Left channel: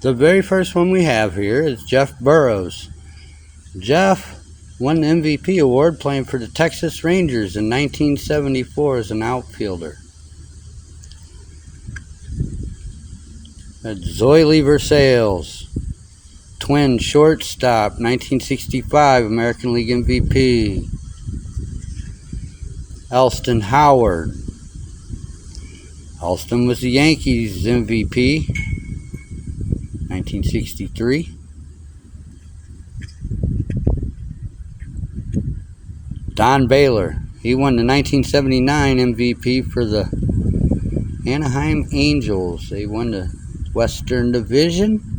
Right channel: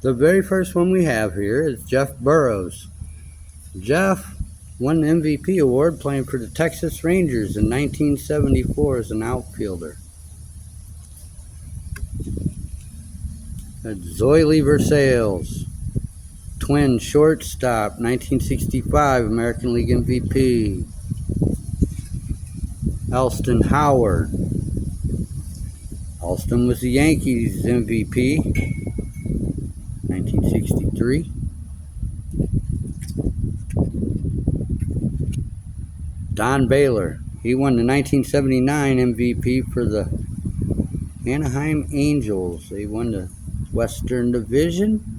The very first one we have here is Jeff Burrows. Jeff won the MVP award playing for the Texas Rangers in 1974 as an outfielder. That's Zoily Versailles, Twin shortstop, 1965 American League MVP. Elston Howard. Elston was the Yankees MVP, 1963. Don Baylor. He won the 1979 MVP for the Anaheim Angels. They won the Western Division.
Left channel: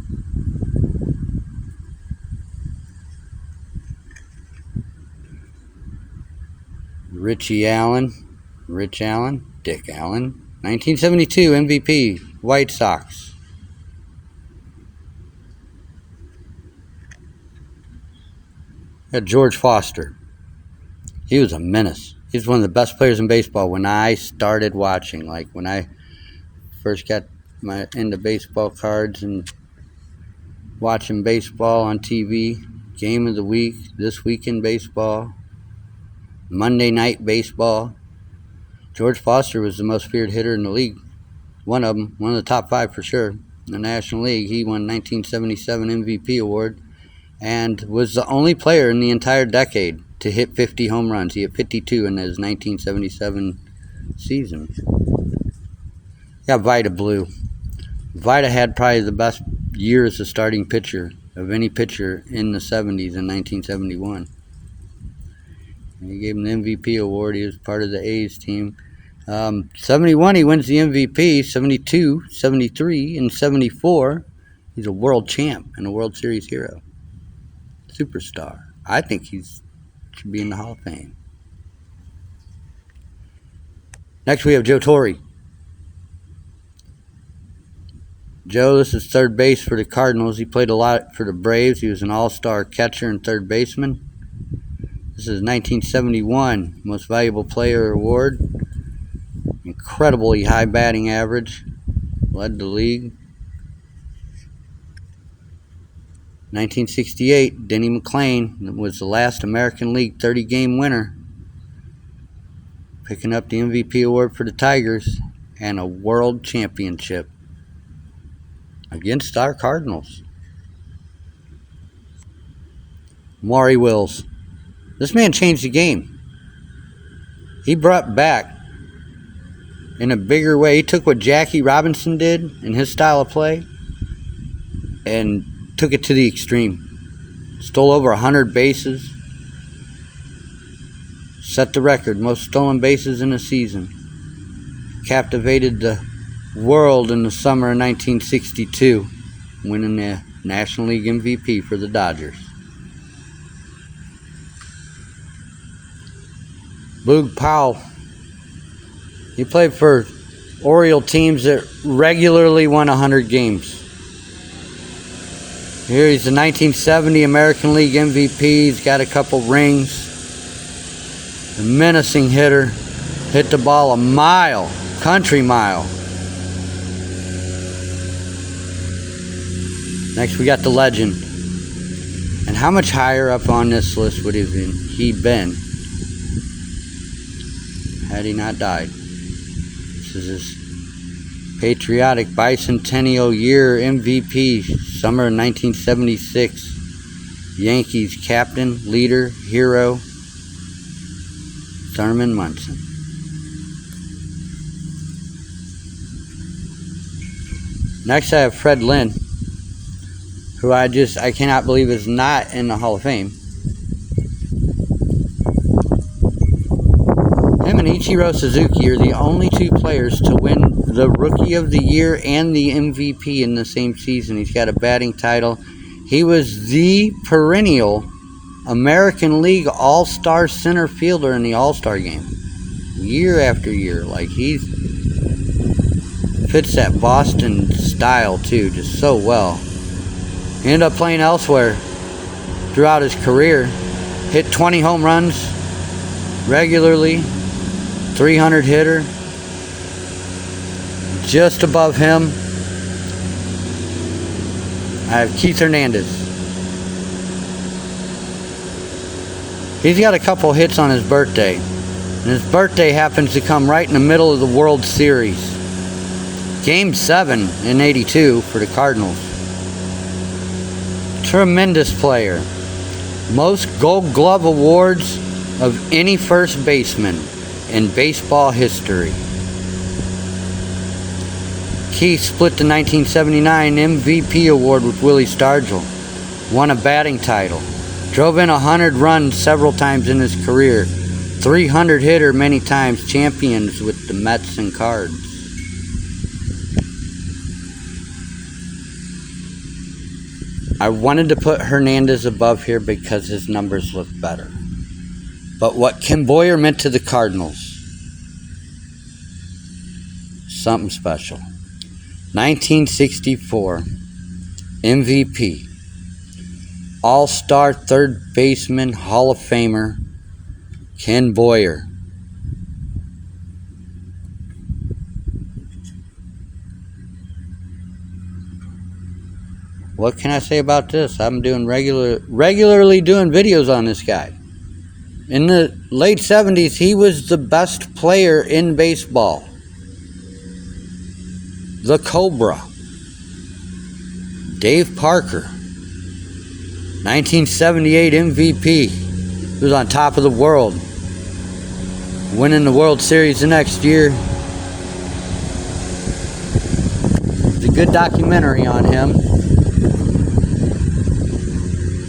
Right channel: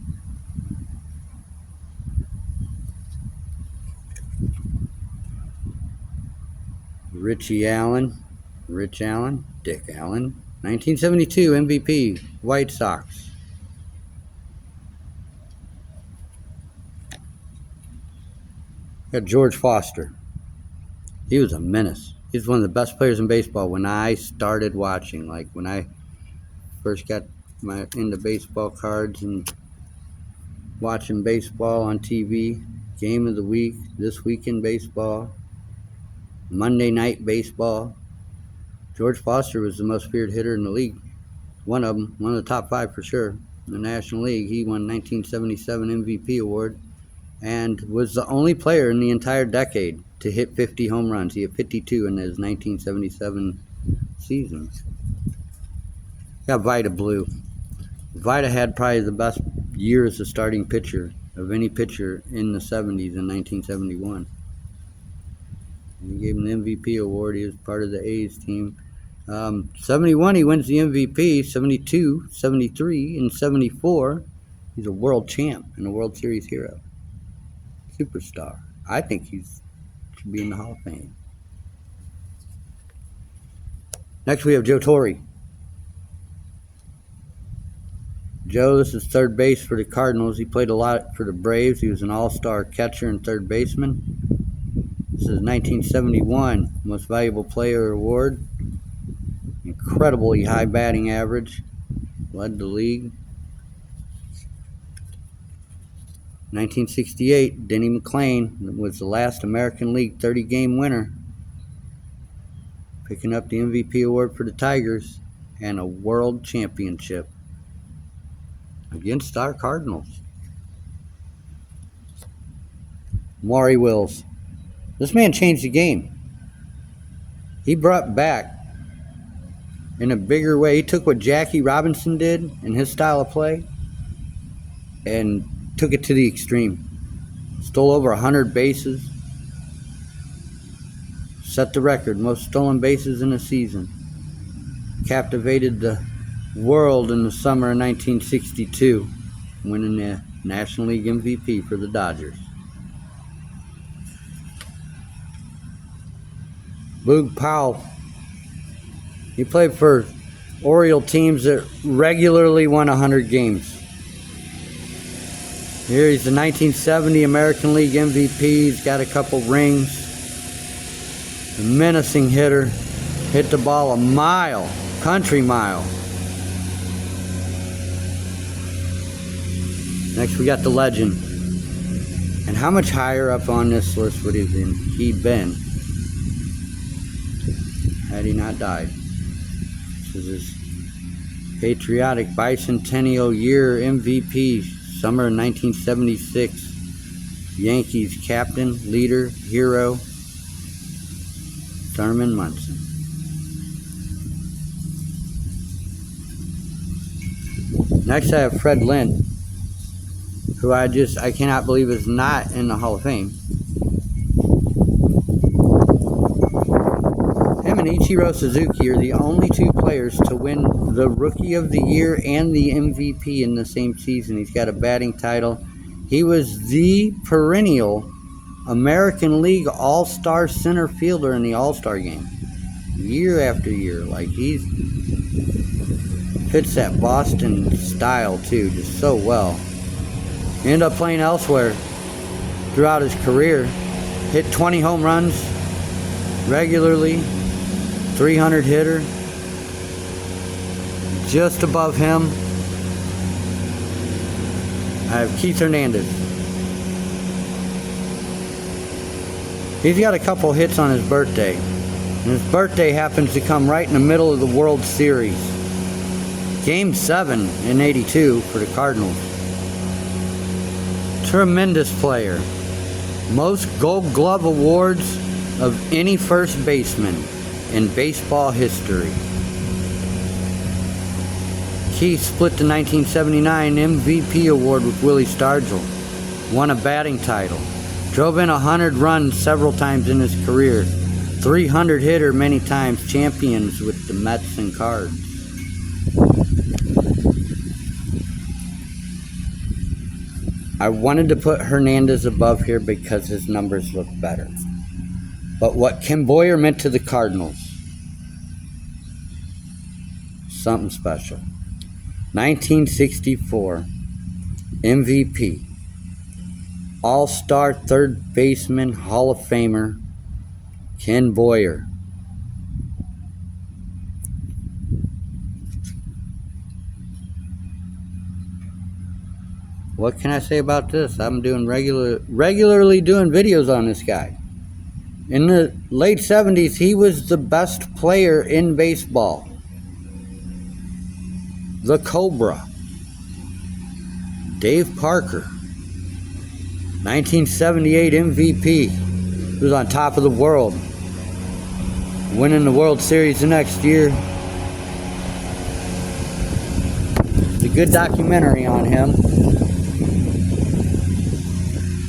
Rich Allen, Dick Allen, 1972 MVP, White Sox. Got George Foster. He was a menace. He's one of the best players in baseball when I started watching. Like when I first got into baseball cards and watching baseball on TV, game of the week, This Week in Baseball, Monday Night Baseball. George Foster was the most feared hitter in the league. One of them, one of the top 5 for sure in the National League. He won 1977 MVP award and was the only player in the entire decade to hit 50 home runs. He hit 52 in his 1977 season. Got Vida Blue. Vida had probably the best year as a starting pitcher of any pitcher in the 70s in 1971. And he gave him the MVP award. He was part of the A's team. 71, he wins the MVP. 72, 73, and 74, he's a world champ and a World Series hero. Superstar. I think he should be in the Hall of Fame. Next we have Joe Torre. Joe, this is third base for the Cardinals. He played a lot for the Braves. He was an all-star catcher and third baseman. This is 1971 Most Valuable Player Award. Incredibly high batting average. Led the league. 1968, Denny McLain was the last American League 30-game winner, picking up the MVP award for the Tigers and a world championship against our Cardinals. Maury Wills. This man changed the game. He brought back in a bigger way. He took what Jackie Robinson did in his style of play and took it to the extreme. Stole over 100 bases. Set the record, most stolen bases in a season. Captivated the world in the summer of 1962, winning the National League MVP for the Dodgers. Boog Powell. He played for Oriole teams that regularly won 100 games. Here he's the 1970 American League MVP. He's got a couple rings. A menacing hitter. Hit the ball a mile, country mile. Next we got the legend. And how much higher up on this list would he been had he not died? This is his patriotic bicentennial year MVP, summer of 1976. Yankees captain, leader, hero, Thurman Munson. Next I have Fred Lynn, who I cannot believe is not in the Hall of Fame. Him and Ichiro Suzuki are the only 2 players to win the Rookie of the Year and the MVP in the same season. He's got a batting title. He was the perennial American League All-Star center fielder in the All-Star game. Year after year. Like, he fits that Boston style, too, just so well. He ended up playing elsewhere throughout his career. Hit 20 home runs regularly. 300 hitter. Just above him I have Keith Hernandez. He's got a couple hits on his birthday. And his birthday happens to come right in the middle of the World Series. Game 7 in '82 for the Cardinals. Tremendous player. Most Gold Glove awards of any first baseman in baseball history. Keith split the 1979 MVP award with Willie Stargell. Won a batting title. Drove in 100 runs several times in his career. 300 hitter many times. Champions with the Mets and Cards. I wanted to put Hernandez above here because his numbers look better. But what Kim Boyer meant to the Cardinals, something special. 1964 MVP, All-Star third baseman, Hall of Famer, Ken Boyer. What can I say about this? I'm doing regularly doing videos on this guy. In the late 70s, he was the best player in baseball. The Cobra. Dave Parker. 1978 MVP. He was on top of the world. Winning the World Series the next year. It's a good documentary on him.